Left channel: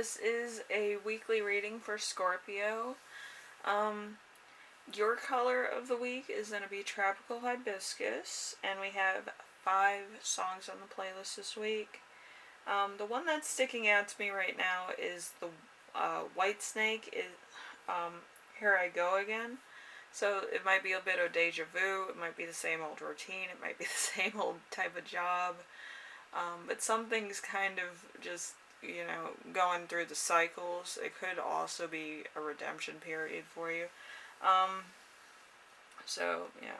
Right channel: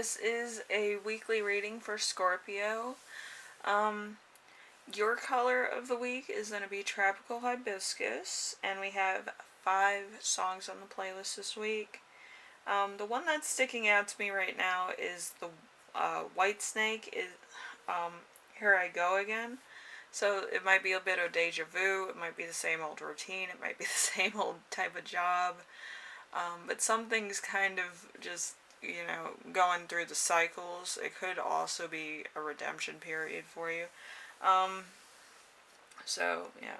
this is a weekly reading for Scorpio. Your color of the week is going to be Tropical Hibiscus, and we have 5 songs on the playlist this week. The one that's sticking out to me right now is the Whitesnake-Here I Go Again. So it might be a bit of deja vu, it might be the same old routine, it might be the same old type of job, but something's kind of just, going through the cycles. It could also be a redemption period for you. Um, so, yeah.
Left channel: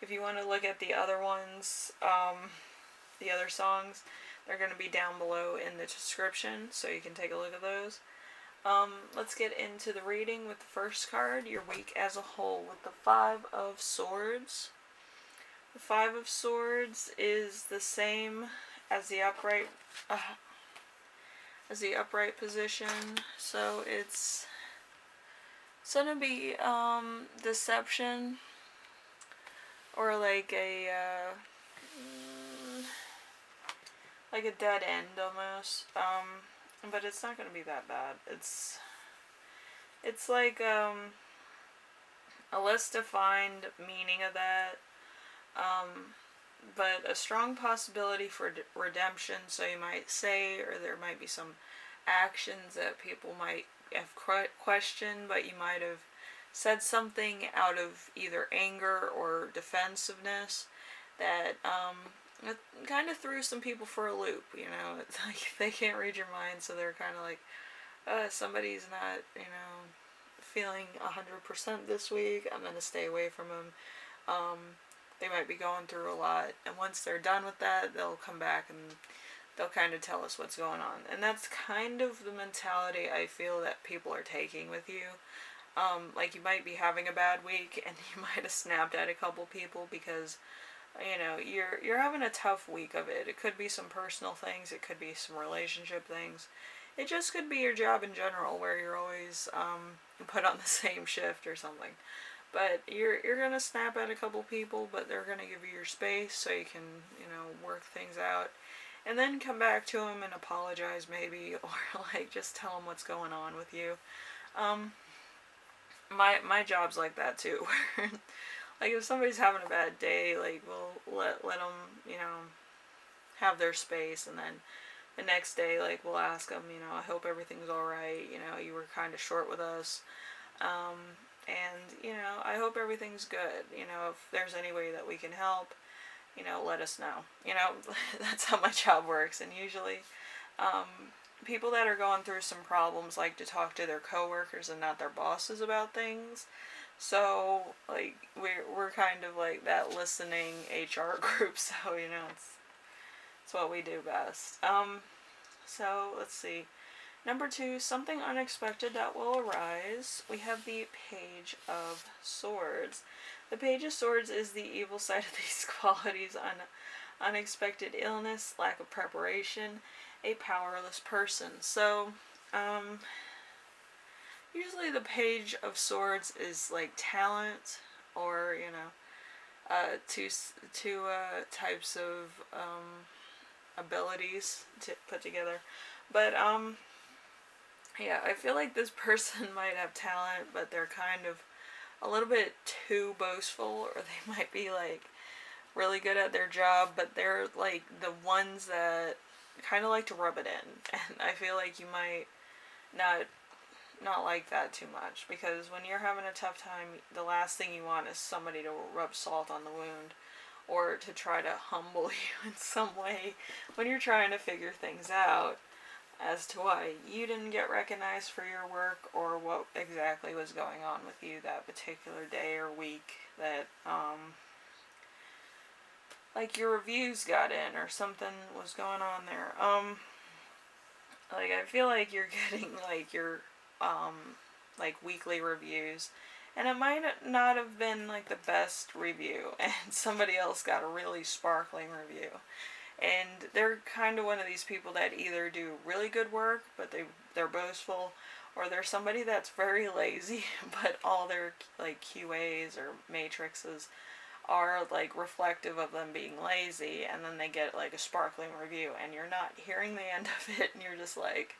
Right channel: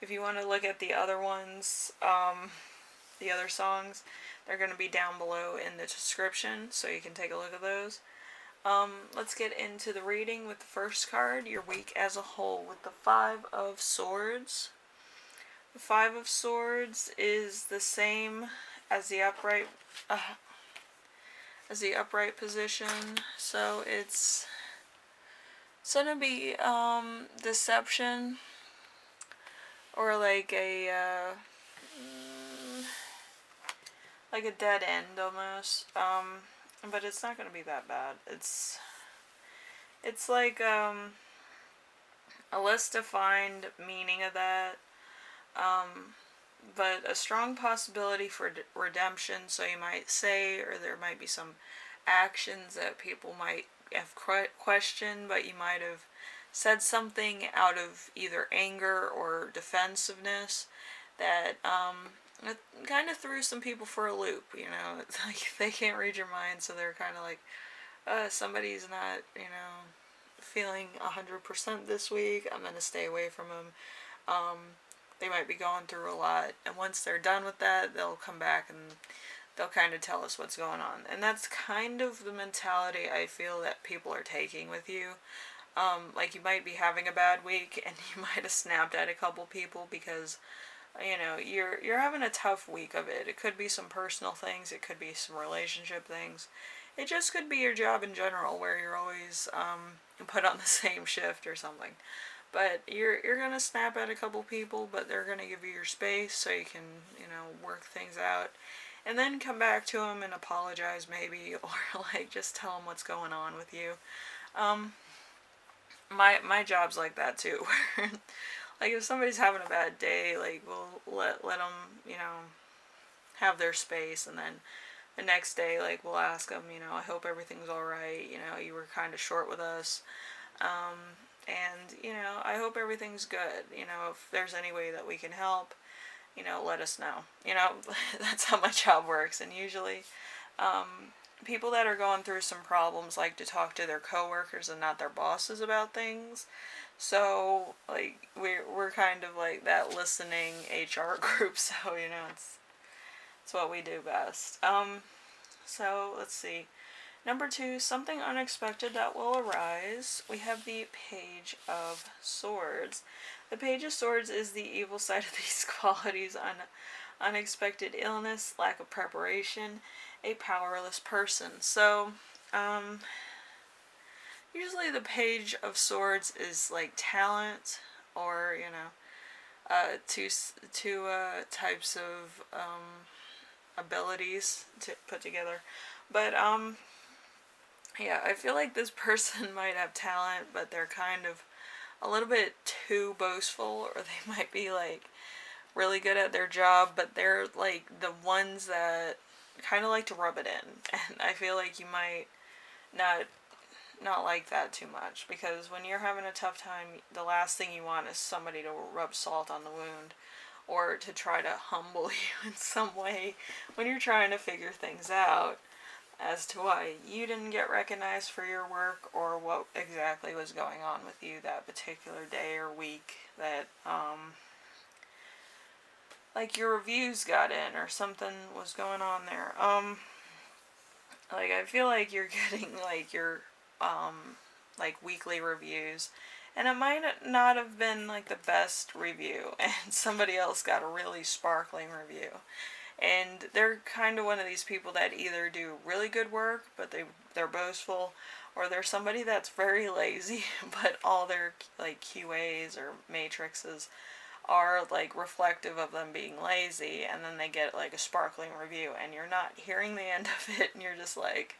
If you want to look at the other ones, the other songs, they're going to be down below in the description, so you can take a look at those. Let's get into the reading with the first card, your week as a whole, with the 5 of Swords. The 5 of Swords is the same as the upright position, so it's gonna be deception, or like a dead end almost. But it's not gonna be that bad. It's like a less defined meaning of that. But a strong possibility for redemption, so you might say, or there might be some actions that people might have questioned, but you might have said something out of either anger or defensiveness that it kind of threw some people for a loop. It's like they can't read your mind, so they're kind of like, somebody's not, feeling 100% this week, I'm going to stay away from them. They might be going through a lot, and once they're done with that, they'll come back and they'll kind of tell us what's going on. And that's kind of the mentality I feel that people are taking with you. Like, you might be having a bad week, and you might have snapped at a couple people because, you're having a tough week of it. It could be some personal things, it could be some relationship things. It just could be your job in general, where you're always put on the same shift or something. But you're gonna snap at a couple people, but they're gonna give you your space so you can, work things out, and then come back to them and apologize maybe, or like just tell them what's going on with you. My job's like that too. Like, if somebody's having a bad day, like, we'll let them, have their space, and then the next day, like, we'll ask them, I hope everything's alright, you were kind of short with us. And, I hope everything's good. If there's any way that we can help, let us know. That's how my job works. And usually, people that are going through some problems like to talk to their coworkers and not their bosses about things. So, like, we're kind of like that listening HR group. So, it's what we do best. So, let's see. Number 2, something unexpected that will arise. We have the Page of Swords. The Page of Swords is the evil side of these qualities: unexpected illness, lack of preparation, a powerless person. So, usually the Page of Swords is like talent, or, two types of abilities to put together. But, yeah, I feel like this person might have talent, but they're kind of a little bit too boastful, or they might be, like, really good at their job, but they're, like, the ones that kind of like to rub it in. And I feel like you might not like that too much, because when you're having a tough time, the last thing you want is somebody to rub salt on the wound, or to try to humble you in some way when you're trying to figure things out as to why you didn't get recognized for your work, or what exactly was going on with you that particular day or week that, like, your reviews got in, or something was going on there. Like, I feel like you're getting, like, your, like, weekly reviews, and it might not have been, like, the best review, and somebody else got a really sparkling review. And they're kind of one of these people that either do really good work, but they're boastful, or they're somebody that's very lazy, but all their, like, QAs or matrices are, like, reflective of them being lazy, and then they get, like, a sparkling review, and you're not hearing the end of it, and you're just like,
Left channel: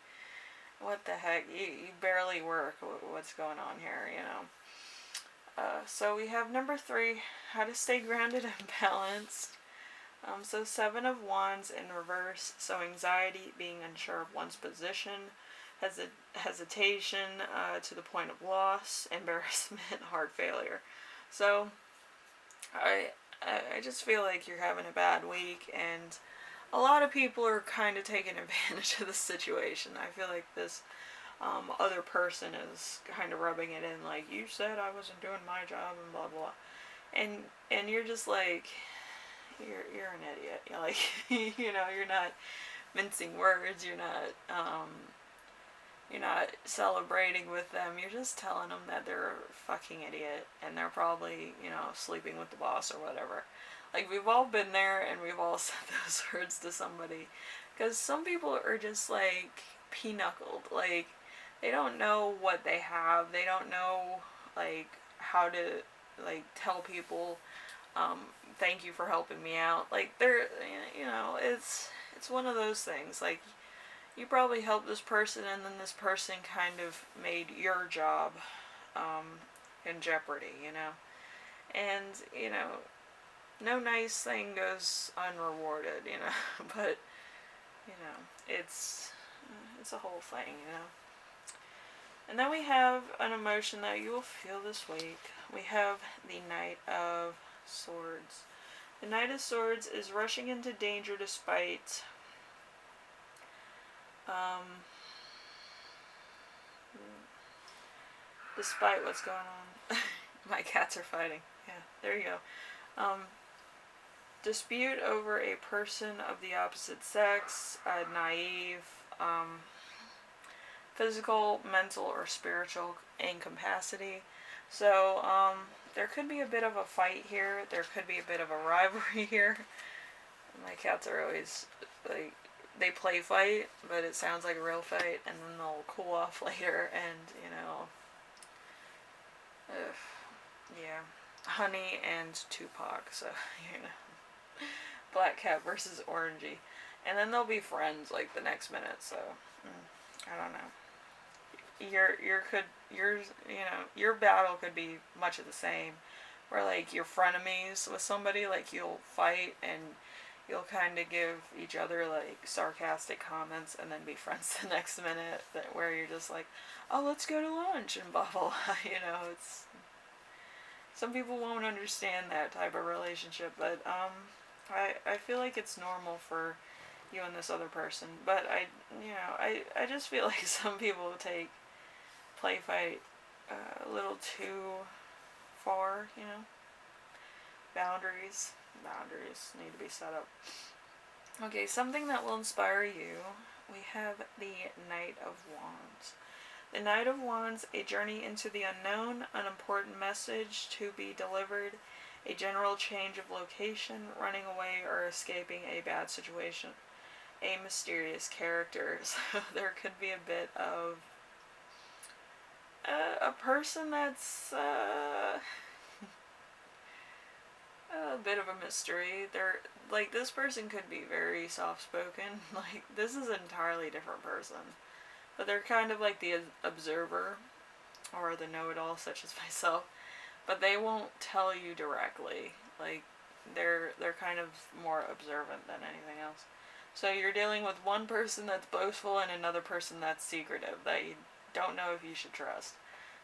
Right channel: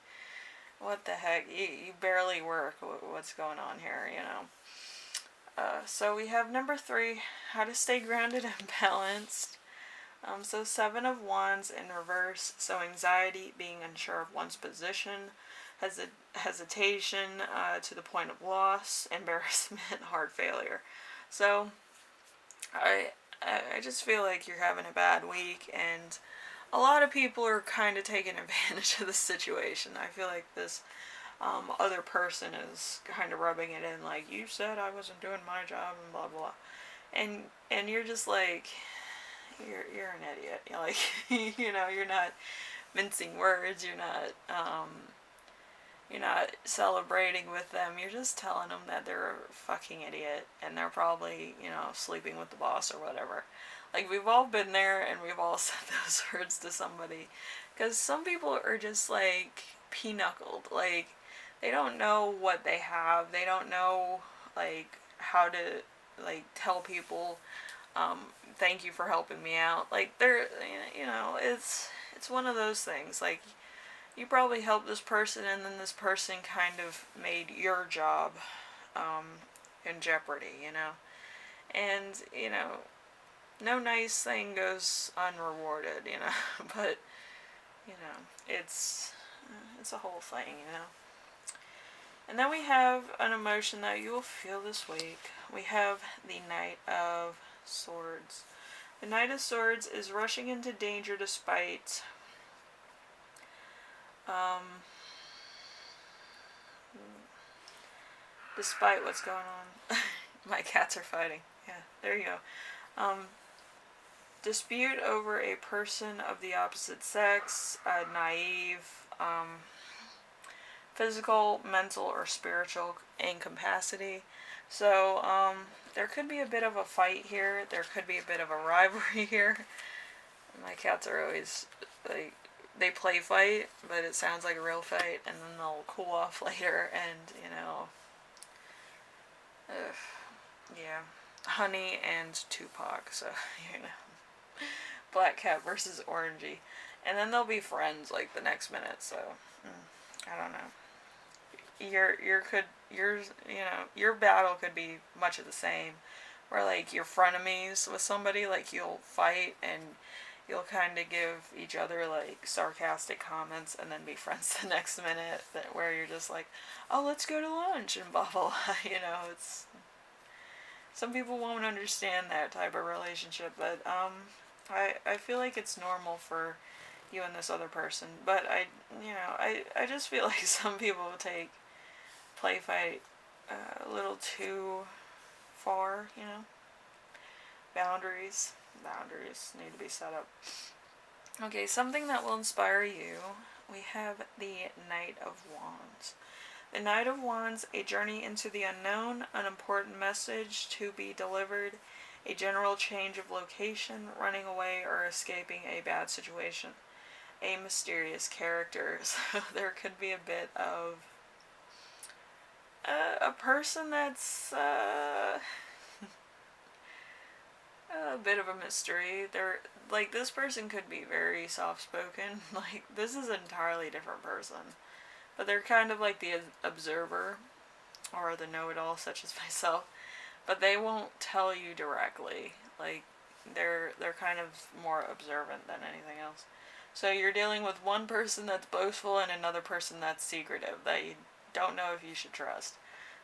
what the heck? You barely work. What's going on here, you know? So we have number 3, how to stay grounded and balanced. So 7 of Wands in reverse. So anxiety, being unsure of one's position, hesitation to the point of loss, embarrassment, heart failure. So I just feel like you're having a bad week, and a lot of people are kind of taking advantage of the situation. I feel like this other person is kind of rubbing it in, like, you said I wasn't doing my job and blah blah, and you're just like, you're an idiot. You're like, you know, you're not mincing words. You're not celebrating with them. You're just telling them that they're a fucking idiot and they're probably, you know, sleeping with the boss or whatever. Like, we've all been there and we've all said those words to somebody. Because some people are just, like, pinochled. Like, they don't know what they have. They don't know, like, how to, like, tell people, thank you for helping me out. Like, they're, you know, it's one of those things. Like, you probably helped this person, and then this person kind of made your job in jeopardy, you know. And, you know, no nice thing goes unrewarded, you know. But, you know, it's a whole thing, you know. And then we have an emotion that you will feel this week. We have the Knight of Swords. The Knight of Swords is rushing into danger despite despite what's going on. My cats are fighting. Yeah, there you go. Dispute over a person of the opposite sex, naive, physical, mental, or spiritual incapacity. So, there could be a bit of a fight here. There could be a bit of a rivalry here. My cats are always, like, they play fight, but it sounds like a real fight, and then they'll cool off later, and, you know, yeah, Honey and Tupac, so, you know, Black Cat versus Orangey, and then they'll be friends, like, the next minute, so, I don't know. Your battle could be much of the same, where, like, you're frenemies with somebody, like, you'll fight, and you'll kind of give each other, like, sarcastic comments and then be friends the next minute, where you're just like, oh, let's go to lunch and blah blah blah. You know, it's, some people won't understand that type of relationship, but I feel like it's normal for you and this other person, but I just feel like some people take play fight a little too far, you know. Boundaries need to be set up. Okay, something that will inspire you. We have the Knight of Wands. The Knight of Wands, a journey into the unknown, an important message to be delivered, a general change of location, running away, or escaping a bad situation. A mysterious character. So there could be a bit of a person that's a bit of a mystery. They're, like, this person could be very soft-spoken. Like, this is an entirely different person. But they're kind of like the observer, or the know-it-all, such as myself. But they won't tell you directly. Like, they're kind of more observant than anything else. So you're dealing with one person that's boastful and another person that's secretive, that you don't know if you should trust.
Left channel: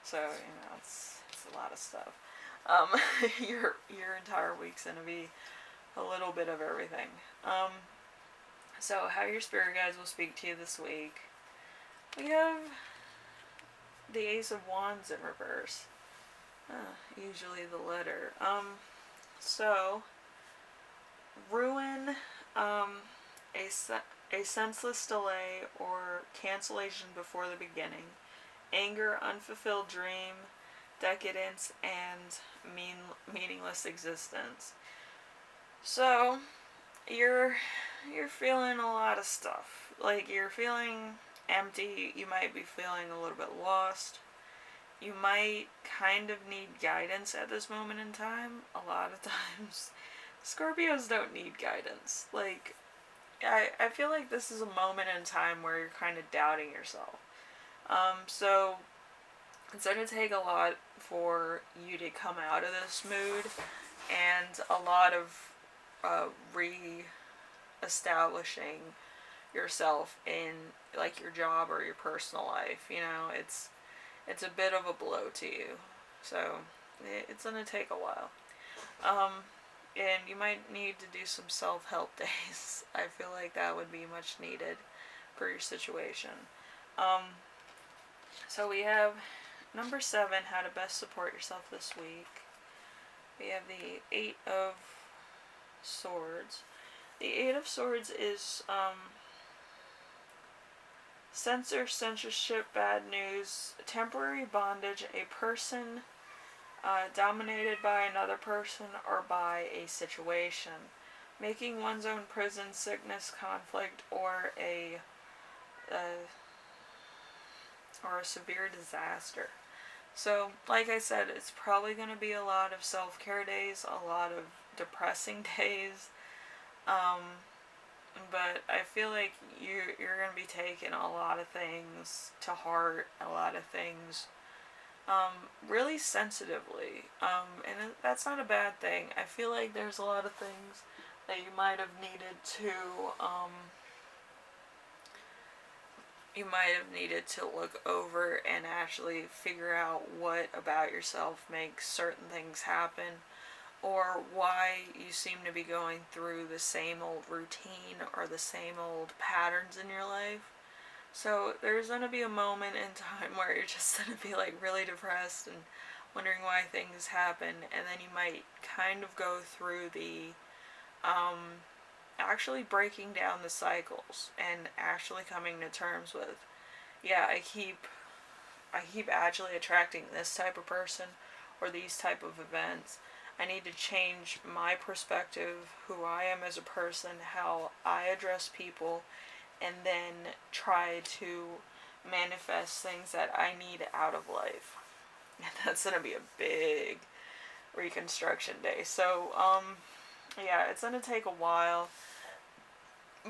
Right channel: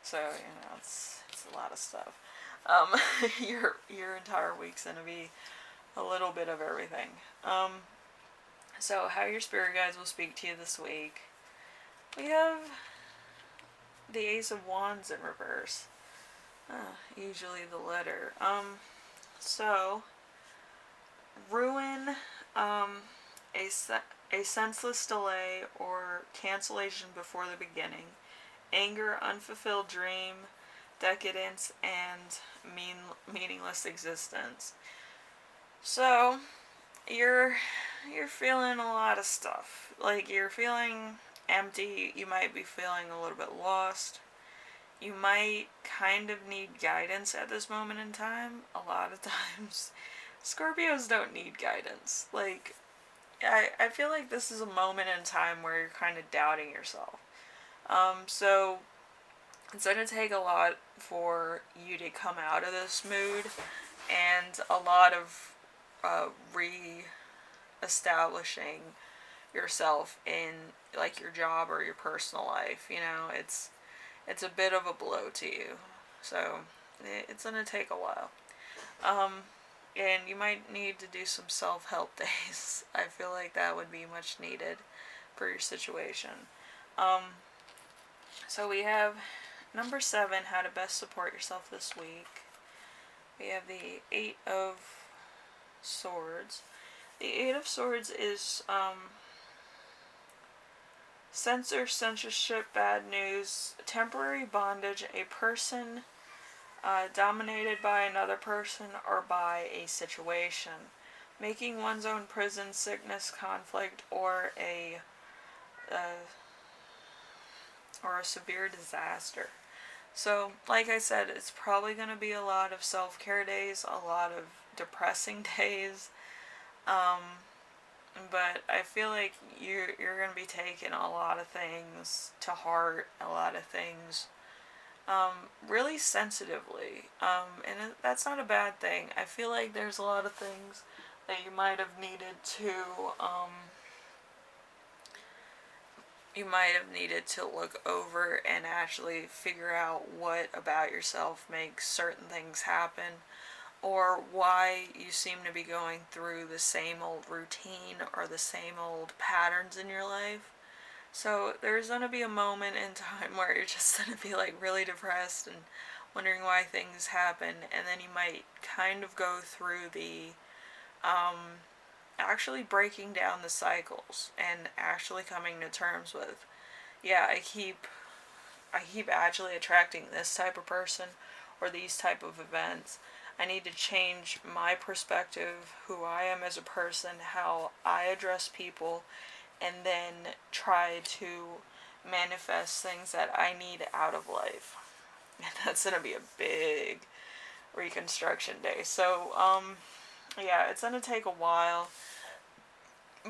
So, you know, it's a lot of stuff. Your entire week's gonna be a little bit of everything. So how your spirit guides will speak to you this week. We have the Ace of Wands in reverse. Usually the letter. So ruin, a senseless delay or cancellation before the beginning, anger, unfulfilled dream, decadence, and meaningless existence. So you're feeling a lot of stuff. Like, you're feeling empty. You might be feeling a little bit lost. You might kind of need guidance at this moment in time. A lot of times Scorpios don't need guidance. Like, I feel like this is a moment in time where you're kind of doubting yourself. So it's going to take a lot for you to come out of this mood, and a lot of re-establishing yourself in like your job or your personal life. You know, it's a bit of a blow to you, so it's gonna take a while. Um, and you might need to do some self-help days. I feel like that would be much needed for your situation. Um, so we have number 7, how to best support yourself this week. We have the 8 of Swords. The 8 of Swords is censorship, bad news, temporary bondage, a person dominated by another person or by a situation, making one's own prison, sickness, conflict, or a severe disaster. So, like I said, it's probably going to be a lot of self-care days, a lot of depressing days, but I feel like you're going to be taking a lot of things to heart, a lot of things really sensitively, and that's not a bad thing. I feel like there's a lot of things that you might have needed to look over and actually figure out what about yourself makes certain things happen, or why you seem to be going through the same old routine or the same old patterns in your life. So there's going to be a moment in time where you're just going to be like really depressed and wondering why things happen, and then you might kind of go through the actually breaking down the cycles and actually coming to terms with, yeah, I keep actually attracting this type of person or these type of events. I need to change my perspective, who I am as a person, how I address people, and then try to manifest things that I need out of life. And that's going to be a big reconstruction day. So, yeah, it's going to take a while,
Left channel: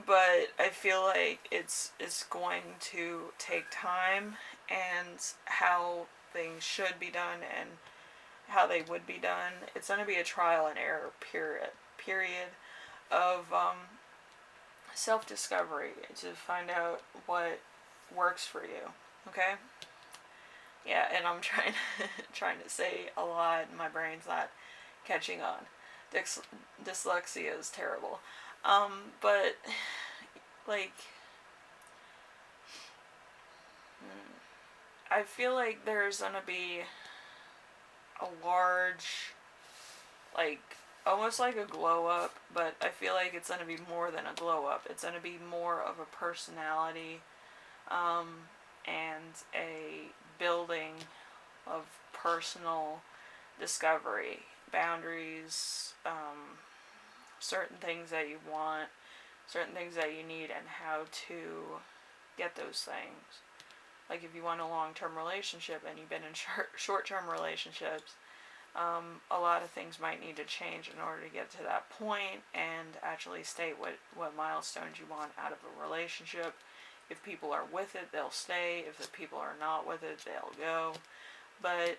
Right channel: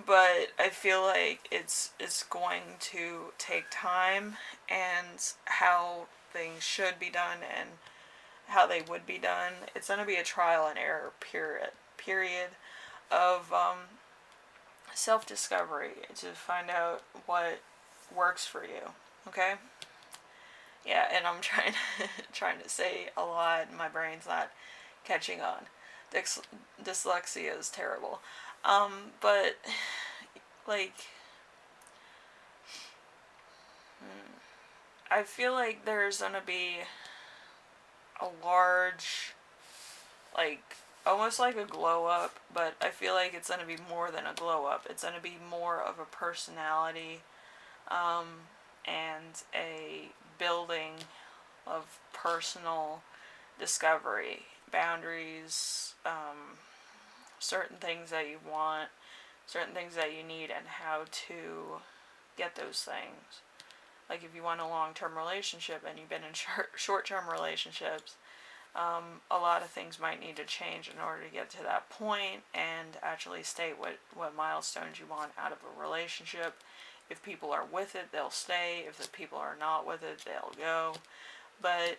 but I feel like it's going to take time, and how things should be done and how they would be done. It's going to be a trial and error period of self-discovery to find out what works for you. Okay? Yeah, and I'm trying to say a lot, and my brain's not catching on. Dyslexia is terrible. But like, I feel like there's gonna be a large, like, almost like a glow up, but I feel like it's gonna be more than a glow up. It's gonna be more of a personality, and a building of personal discovery, boundaries, certain things that you want, certain things that you need, and how to get those things. Like if you want a long-term relationship and you've been in short-term relationships, a lot of things might need to change in order to get to that point and actually state what milestones you want out of a relationship. If people are with it, they'll stay. If the people are not with it, they'll go. But,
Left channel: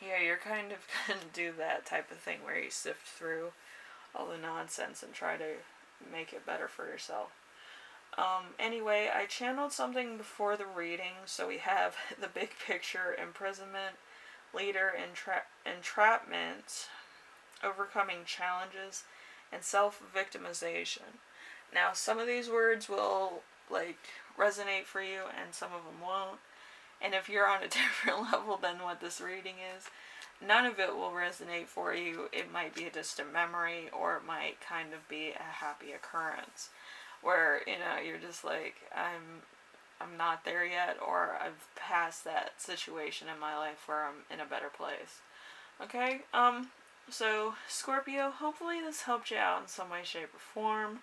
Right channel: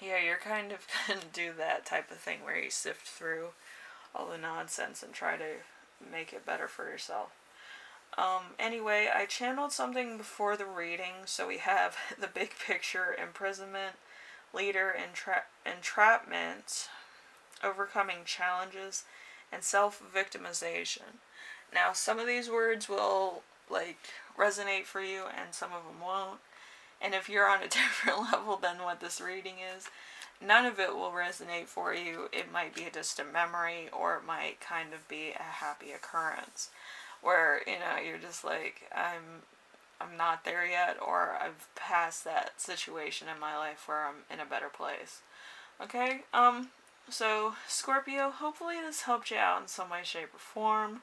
yeah, you're kind of going to do that type of thing where you sift through all the nonsense and try to make it better for yourself. Anyway, I channeled something before the reading, so we have the big picture, imprisonment, leader, entrapment, overcoming challenges, and self-victimization. Now, some of these words will, like, resonate for you, and some of them won't. And if you're on a different level than what this reading is, none of it will resonate for you. It might be just a memory, or it might kind of be a happy occurrence, where, you know, you're just like, I'm not there yet, or I've passed that situation in my life where I'm in a better place. Okay? So, Scorpio, hopefully this helped you out in some way, shape, or form.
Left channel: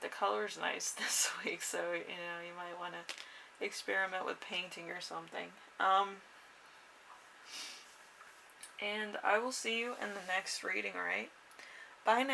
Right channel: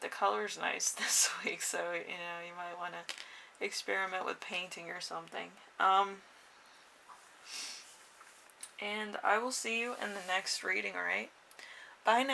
The color's nice this week, so, you know, you might want to experiment with painting or something. And I will see you in the next reading, alright? Bye now.